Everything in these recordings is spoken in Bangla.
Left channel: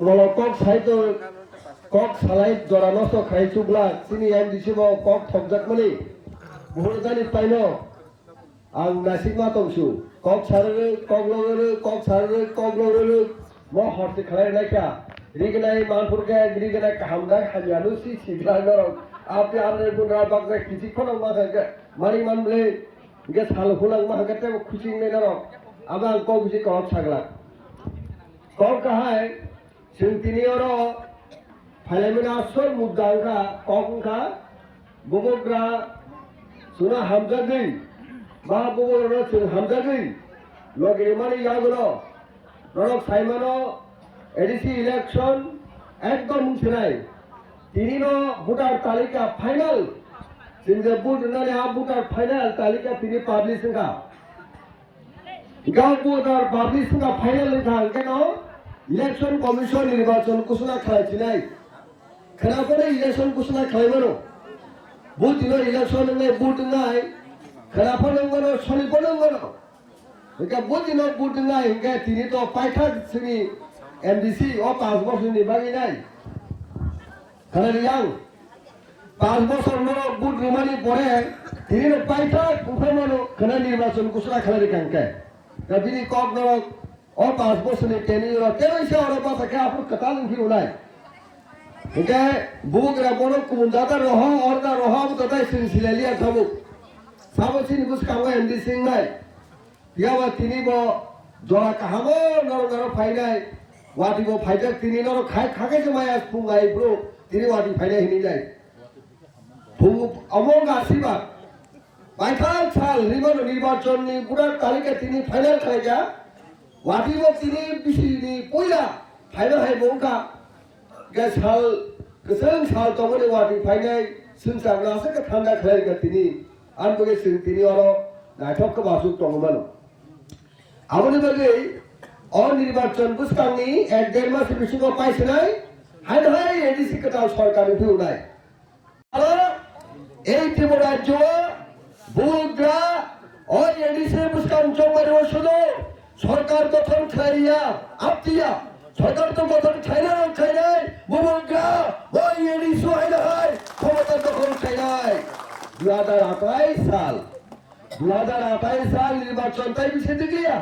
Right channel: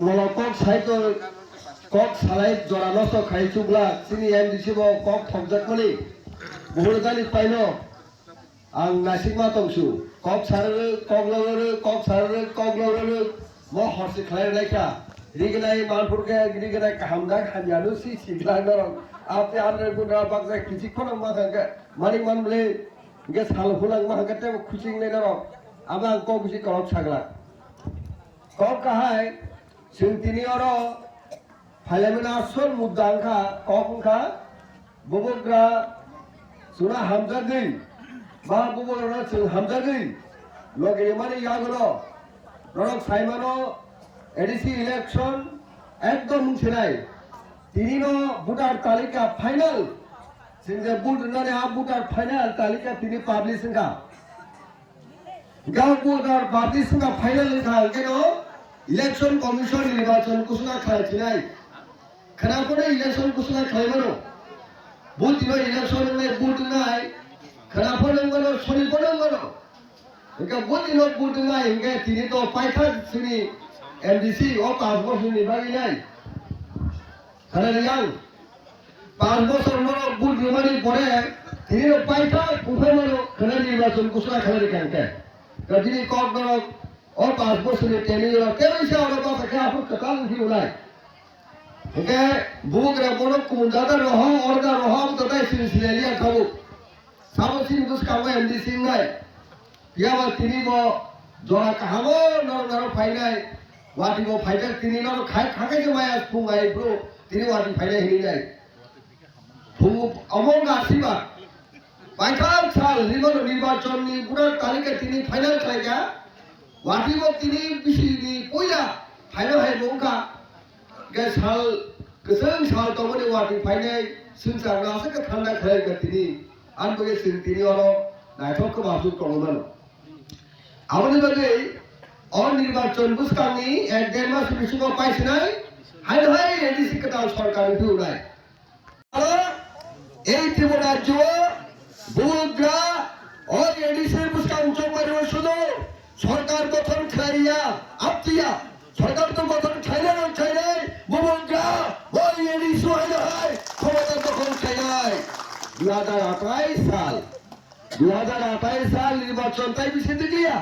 Molokok saito kok salai jorano so khai chubla sini MDC bo kok thokjak mani buhurgani paino ang nasima tongsu kok sarere kok sarere mo horsi khlai laika rignai manpurke rignai hamda khajanu si sidano apni andre gunra bagza kisi khono ma ga mani manle ge sal hulang ma ga te khuching ne daro abang kok busi kok sagla kok kahai जों दिनै आरो फाइलामिना सर मुद्दांखा कखंखा बबग्रा सुना हामजागै बा बबग्रा जों हामजागै लगेरे माने यागलो रक साइमानो एडिसि इलेक्शन एकदम मुंसेनाय दिनैनो भोटार तालिका फाइनाल जों जे भोट होनानै आ भोटार फाइनाल तालिका दिनै पाब्लिशिंखा गाव भोटार पाब्लिशिंखा फाइनाल होखा केनो इलेक्शन कमिशन निर्वाचन घोषणा खालामनाय खोनाफोर इलेक्शन घोषणा खालामनो बुथ दिनो इलेक्शन होनाय बुथ होनाय खोनाफोर होनो सनिफोर होनो इनका बुथ दिनो बुथ होनाय इनका दिनै तो पाइथा जोंनि एमडीसी अ 5 बोसोरनि बागैनाय खोनादों 5 बोसोर उनाव बुथ होनायनि परे दिनै पाइथा कुफायनो खोना निर्वाचन घोषणा खालामनो दा दिनै कक और 5 बोसोरनि टेनियर केबैसे आरो बाथाखा आफु कताल उठि उलाय इनके बुगरा बनो कुमजादा रह औरदा रह तताय सिलसिलालिया खाबु साबसिन बुसकाव एमडीसी नाय याबा तिनि बो जरा काहामो नर फाइनाय वाटी बो फाइदा तिनि नर खाय खाके जमाया फुंगाय ब्रो तिनि वाटी फाइनाय हिनि जाय फुं अमंग आसिबा पाइखाल साल रिबनो निर्वाचननि पुरा तालिका तिनि फाइनाल खायगा वाटिबो तिनि बिसिनि पयला फाइनो हाय बंका गे साल गोसों साल तमने वाटि फाइनाय सुनसाग्लासो के थान्दा खाय गे तिनि आनबगे सिं तिनि अरो नायथक को बासु तंगमानो आबनि बगे अनिर्वाचन बुसकांनि एक देर मास बिसिङाव पाइसनाय हाय हाय एडिसि कताल सरकारनि फुनाय आरो এই ত্রিপুরা রাজ্য বুগরা ও এডিসি বুসকাं जमारो শুধু सरकार गठन खाइया आपतिया सरकार तो गठन खाइना खाइनाय बुबुग्रा ओइ एडी सुहायनाय क्षमता दखल खाइनाय 2028 साल निर्वाचन ताই বিশে দিগিয়া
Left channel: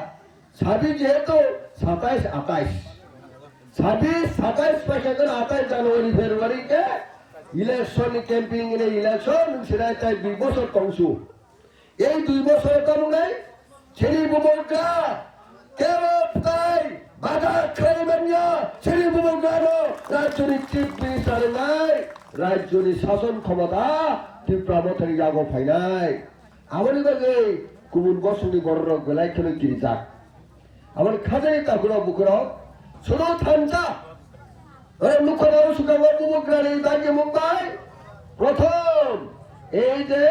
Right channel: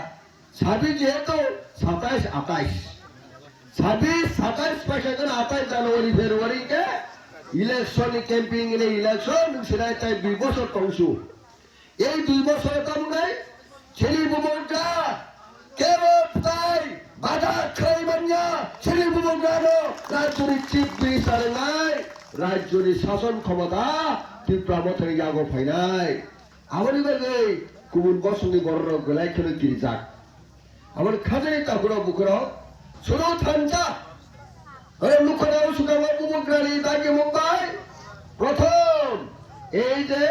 26 যেহেতু 27 পয়সা করে 28 জানুয়ারি ফেব্রুয়ারি কে ইলেকশন ক্যাম্পিং এর ইলেকশন সেটাই তাই 2 বছর তংসু এই 2 বছরে কামনাই ছেলি বুবুগ্রা কেরোপ্তাই বাধা খাইবানিয়া ছেলে বুবগানো রাজ্যনি চিফ মিনিস্টার নাই রাজ্যনি শাসন ক্ষমতা ত্রিপুরামথারি ইয়াগো ফাইনাই আমানি বাগে গুবুন বসংনি বড় গলাই খেলো কিরিজাক আমার খাজানি তাকুরা বুকুরা শুনো থানজা লুকনাও সুকাও বুবগ্রানি দাগে মুম্বাই প্রথম এই যে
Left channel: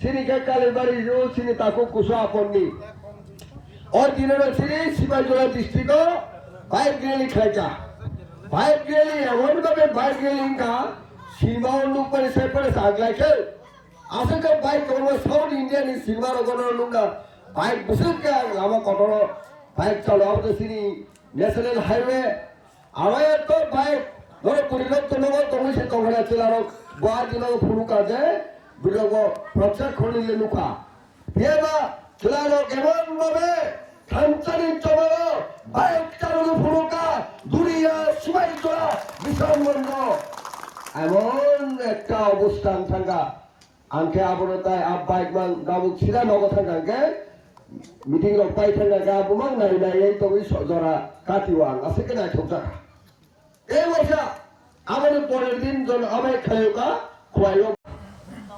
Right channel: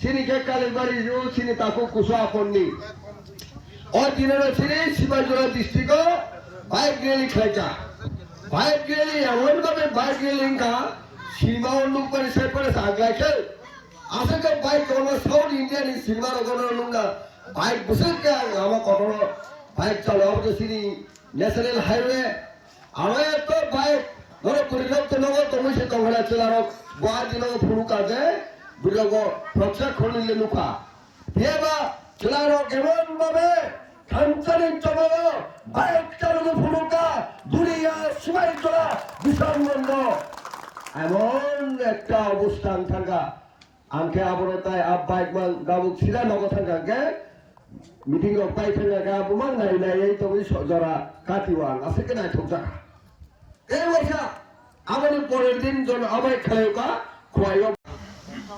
সিনিকে কালের বাড়ি সিনি তাকু কুসু আপননি और दिनों से सिपाहीजोड़ा डिस्ट्रिक्ट बाइक रैली खायचा बाइक रैली एमन भावे बाइक रैली का सिनेमा लोग पर से पर सागला के आसे का बाइक और साउथ इंडियन सिनेमा रगोना लुंगा बाइक बुसे का आमा कटरो बाइक चलो अब तो सिनी नेशनल हाईवे आवे तो बाइक धरो परिलक्षित नगो तो मुझे कंगड़ा चलारो गोवा जिला फुलू का दे बिलोगो प्रत्यक्ष खोलने ले नुका येबा चलारो केमन भावे थानचानि चलो बाइक चालको फुलुका दुनिया सुबाई चला विशाल बंद एमन একটা অবস্থান থাকা আনকে আবরতায় আব বাইক মান গাবুক সিরা নগ থাকাকে মিটিং রক পাই থাকা গাবুমাং নাই নাই এই তুমি জরা কাটিওয়াং আছে কে নাই ঠকজা এই ওইসা আমাদের পরের দিন জন আবাই খেলেওকা খোয়াইও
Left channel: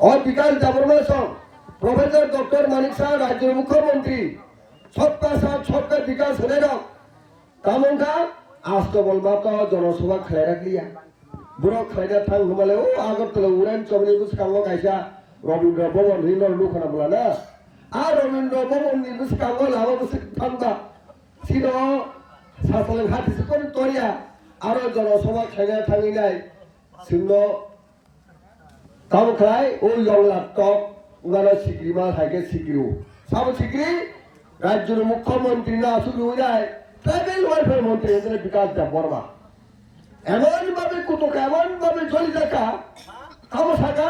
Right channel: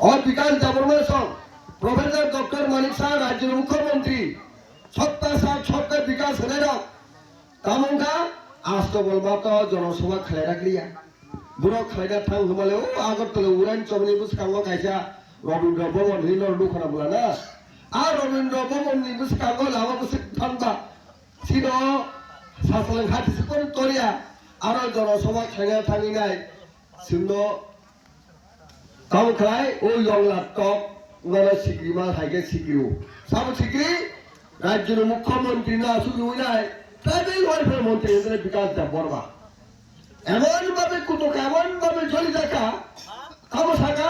और विकास जाबरमासं प्रोफेसर डॉक्टर मानिक शाह राज्य मुख्यमंत्री सबका साथ सबका विकास होने रहा तामुंगा आज तो बोलमा का जनसभा खले रख लिया बुरा खलेगा थांग हमारे ओ आगर तो उड़ान चमनी बुस कांगो कैसा रविंद्र भवन हिनर लुखना बोला ना आ रविंद्र भवन नि बुस कांगो लावा बुस थांबा सिनो सासलं हाथि से कोन तोरिया आरो जनसभा खलेगा थांगी नाय सिनो काम खलाय ओ यंगला टक उगाना सिक्रीमा हाइके सिक्रीउ साब सिक्री राज्य मुख्यमंत्री ना सुबी हुई ट्राइबल वेलफेयर मंत्री विकास देव बर्मा এমনভাবে কুতুক এমনভাবে জ্বলি থাকা তামসাকা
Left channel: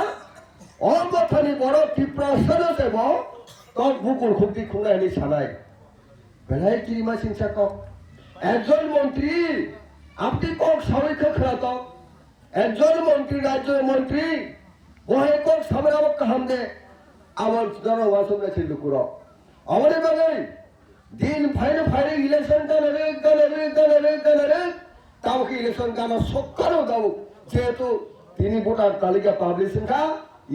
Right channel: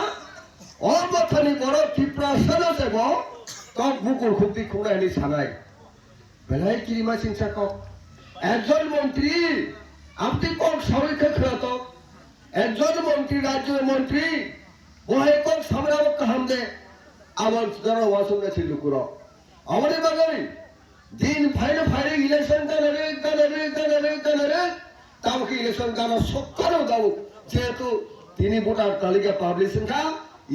অমথানি বড় তীব্র সনসেব কক বুকুর খুবটি খুঁড়াইনি সানাই বেলায় কিরিমা চিন্তা কক একজন মন্ত্রী আপনি কক সবাইকে খেলাত একজন মন্ত্রী রাজ্যের মন্ত্রী ওহে কক সবাই আমাকে কাহাম দে আমার যারা ওয়াসুমরা ছিল কুর আমাদের বাঙালি দিন ফাইনে ফাইনে ইলেকশন গানে তাকে ইলেকশন গানা সকালেও দাও যেহেতু তিনি ভোটার তালিকা পাবলিশিং খা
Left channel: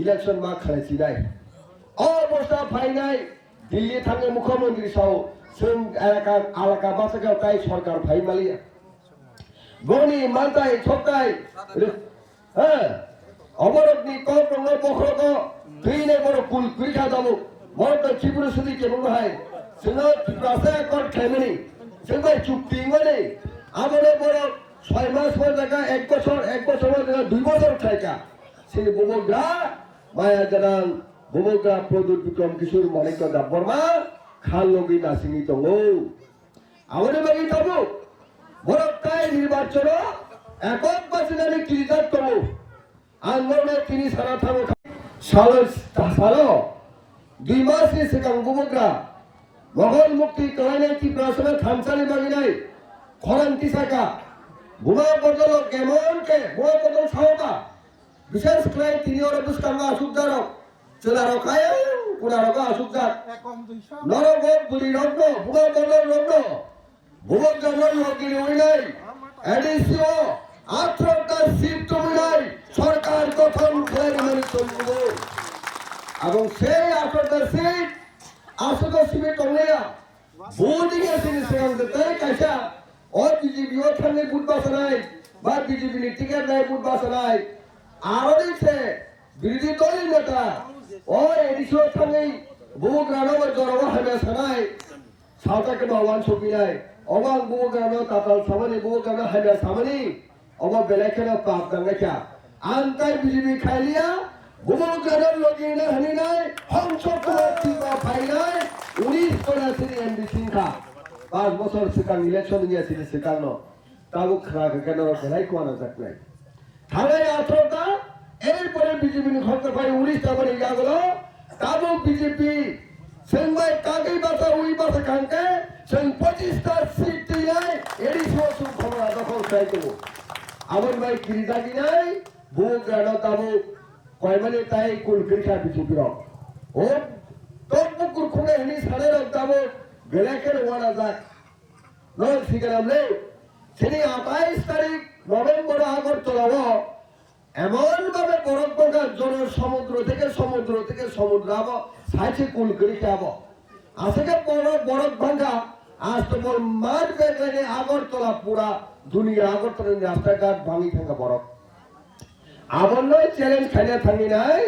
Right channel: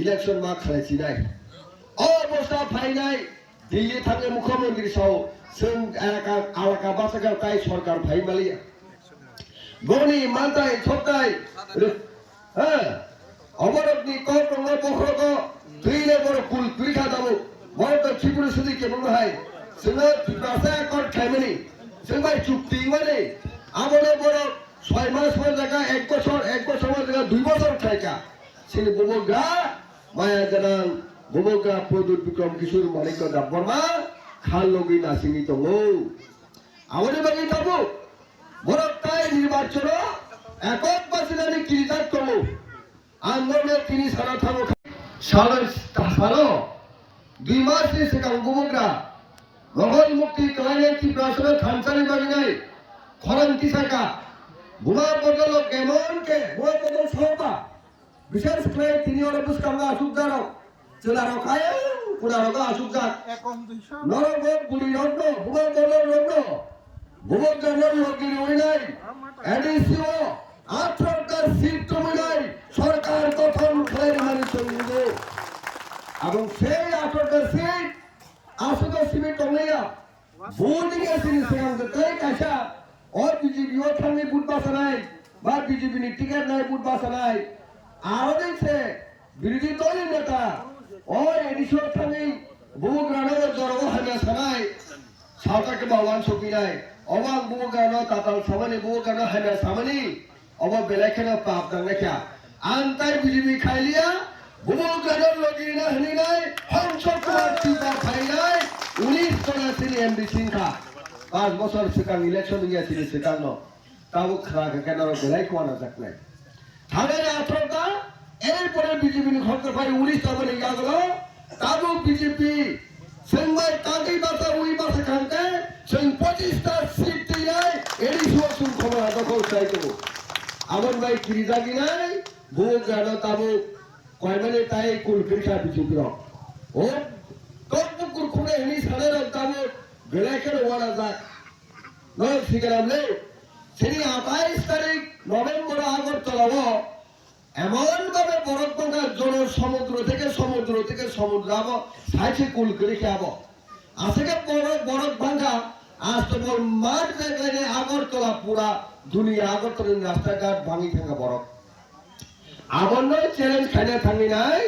ইলেকশন মা খেলেছি নাই অবস্থা ফাইনাই দিল্লি থাঙ্গে মুখ্যমন্ত্রী সহ जों एलाका बासागाव ताई सरकार फाइ मालिया गनि मानताय थपताय अबरतनि कौटंग बखरक थैने बर कुल कुरिखा दाबो बरत त्रिपुरा सुदि केबो हाय जोङो त्रिपुरासा कट खायमनि जों बाय चुक्ति माने आबनो बर 6 मास पर जागा 1 बছর जागा 2 বছর खायका सिनि बबगा माया गोनां बबगा प्रदुत विक्रम किशोर मालिक दाबरमा खाल लोगी नासिंगी दङो आबनो बागै दाबो बरत ताई निर्वाचन एকক बासिनानि किरिदात दङ आंगोनो तिनि सारा थाङो सालो 2 मासनि सिगां बबगा मोगल मुक्ति कलायनाय त्रिपुरासनो थानसालि बागिनाय खरां तिसाका बुमा बदल केमन के बुमा बदल सावता विशेष क्लाय तिनि और बुसकांगा असुकदारो चलारो खाय पुरारोगा असुकदार नरगो बुली रंगो बुमा बदल रंगो बुमक जनर योगिनी उइनाय एडिसिओ 18টা সিট তুমিনাই সরকার গঠন করে মানে চলবো এবং সেই 18টা সিট আসলে সিবি টংলিয়া বোর্ডিং এর সিনিয়র দতে কাইসা और बीजेपी और थांगे बुट बासनाय बा बीजेपी नि टिकेट नाय बुट बासनाय आरो से विरोधी दल नेता और एडिसो थांगे बुग्रानो जरव हामे सनाय सावता के बावान सपिनाय अबां बुग्रानो ताताल सामानि बुग्रानो हामे सामानि अबा बेलेखना पाप दांगाखा आंताय बीजेपी खाइलिया बुग्रानो लगिना हनिनाय हंस कुमार तिबा फाइनाय 19 जना सिनि एमडी सिंखा 5 বছর সিকাং ইলেকশন গিয়েছিল সিকাং তাও খারাপ কেন বেলাই কোয়ানা যাকনাই থানায় 18টা এরপরে বিজেপি নি খরচ পাই 19টা বনে গেল তাও বিজেপি সেনবাই কাগই বাসা উই বাসা খানকে সেন 25টা সিট দিলাই এডিসো সুম খবর দখল চাই তো আমন ভাই কিরিজা গিনাই বুক গানো তাও কয়মানে তাই কুল কিরখা বিজেপি র ও টকবুকুর খুনে হিনি সাড়ে রক তাও বেলাকের ওয়ানা যাক নয় শিকারামলে সেনি 28 তারিখ নভেম্বর আগরতলাব এমনভাবে বরফ ভাঙা জন সমুদ্র থেকে সমুদ্র আব সাইছে কুল করে খাব আজকে বরফ ভাঙা আজ তো বল মাঠ ব্যাগলাইনে আগরতলা পুরা দুনিয়া আগরতলার রাস্তাঘাট ভাঙি থাকা বরফ আবার নয় চ্যালেঞ্জ খাইনা থাকি নাই